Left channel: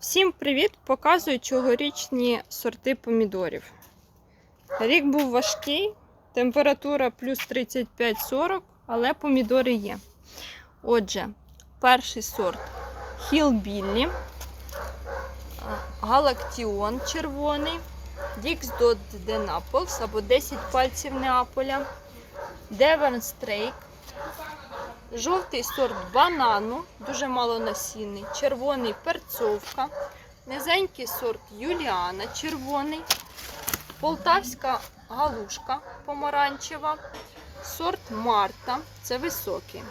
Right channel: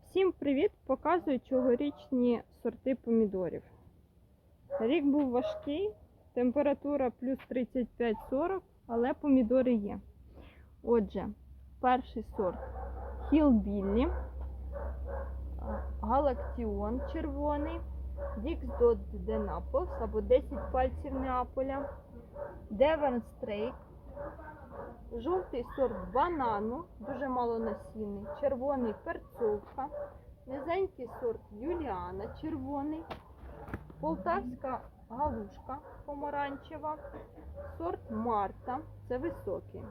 Всім привіт! Показую цьогорічні сорти помідорів. Рік був важкий, температура плюс 35-40, але помідори є. Отже, перший сорт Хілбіллі, Галактіон червоний, Дікс Дот де Наполс або 10 пальців Неаполя, Девен Стрейк, Жовтий сорт банану, дуже малонасінний, червоний перцовка, низенький сорт Юліана, червоний, полтавська галушка помаранчева, сорт Марта, це високий.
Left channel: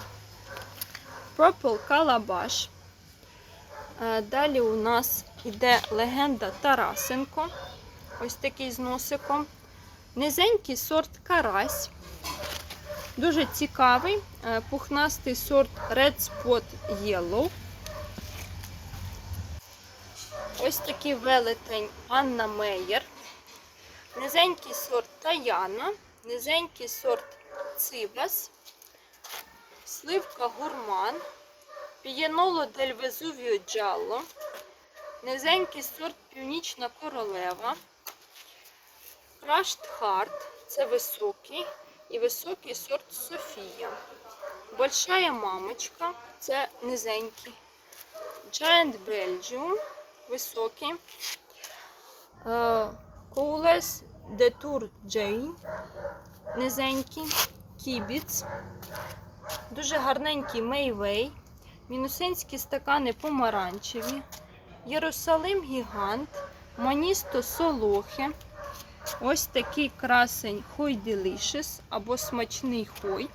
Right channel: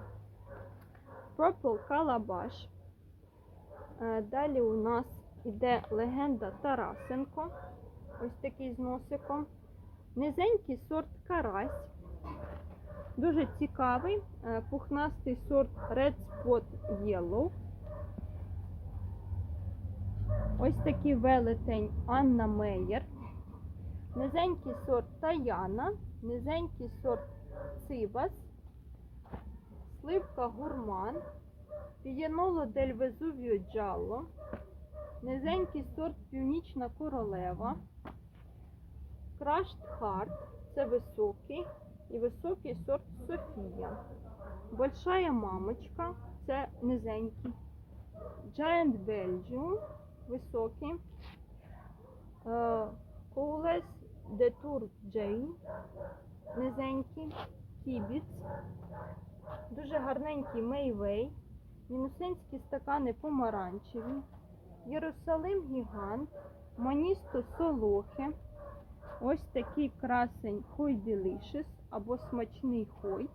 Purple Калабаш. Е, Далі у нас іде легенда Тарасенко. Ось такий з носиком. Низенький сорт Карась. Дуже цікавий, е, пухнастий сорт Red Spot Yellow. Ось такий велетень Анна Мейєр. Низенький сорт Таяна, низенький сорт Цибас, сливка Гурман, Пієноло дель Везувіо Джалло, низенький сорт Північна Королева, Crushed Heart, це високий і високий сорт Софія. Большая мамочка, це низенький. Giant Belgium, високий. Коулес de Tour Jane, низенький. Кібіц. Дуже гарненький Мейвей. Мінусинські стакани помаранчеві. Єрусалим Гігант. Маністо Солохи. Ось такий красень Хой Delicious або смачний хой.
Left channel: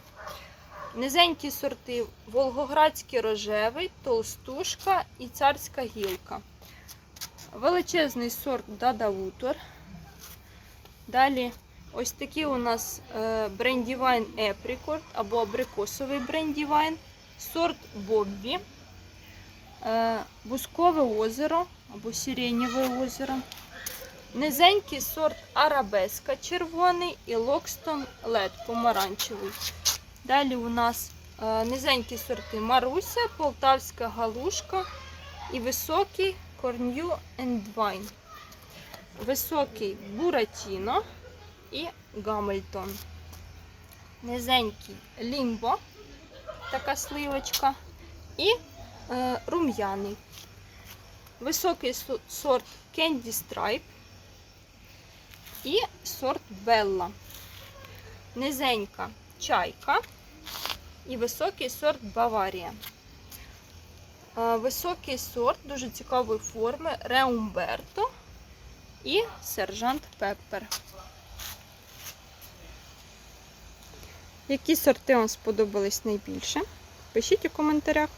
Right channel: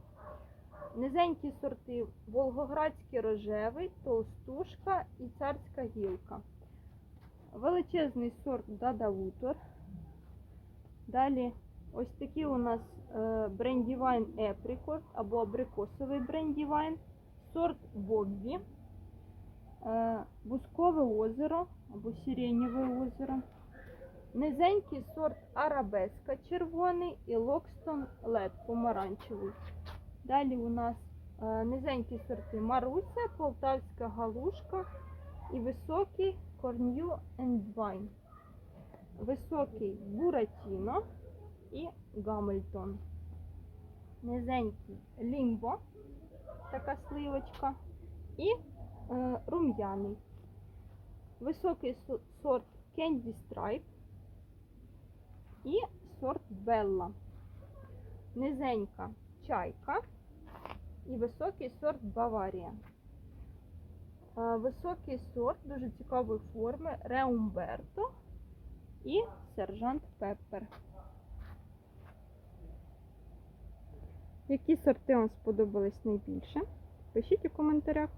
Низенькі сорти Волгоградський рожевий, толстушка і царська гілка. Величезний сорт Дадавутор. Далі ось такий у нас брендівайн Епрікорд або абрикосовий брендівайн, сорт Боббі, е, Бускове озеро або Сиренєве озеро. Низенький сорт Арабеска червоний і Локстон Лед помаранчевий. Далі у нас е, низенькі сорти Маруся, Полтавська галушка і високий Корню Вайн. Високий Буратіно і Гамильтон. Низенький Лімбо, така сливочка, і е, рум'яний. Високий сорт Candy Stripe і сорт Белла. Низенька чайка і високий сорт Баварія. Високий сорт дуже цікавої форми Реумберто і сержант Пеппер. Які сорти вам сподобались найбільше? Пишіть у коментарях.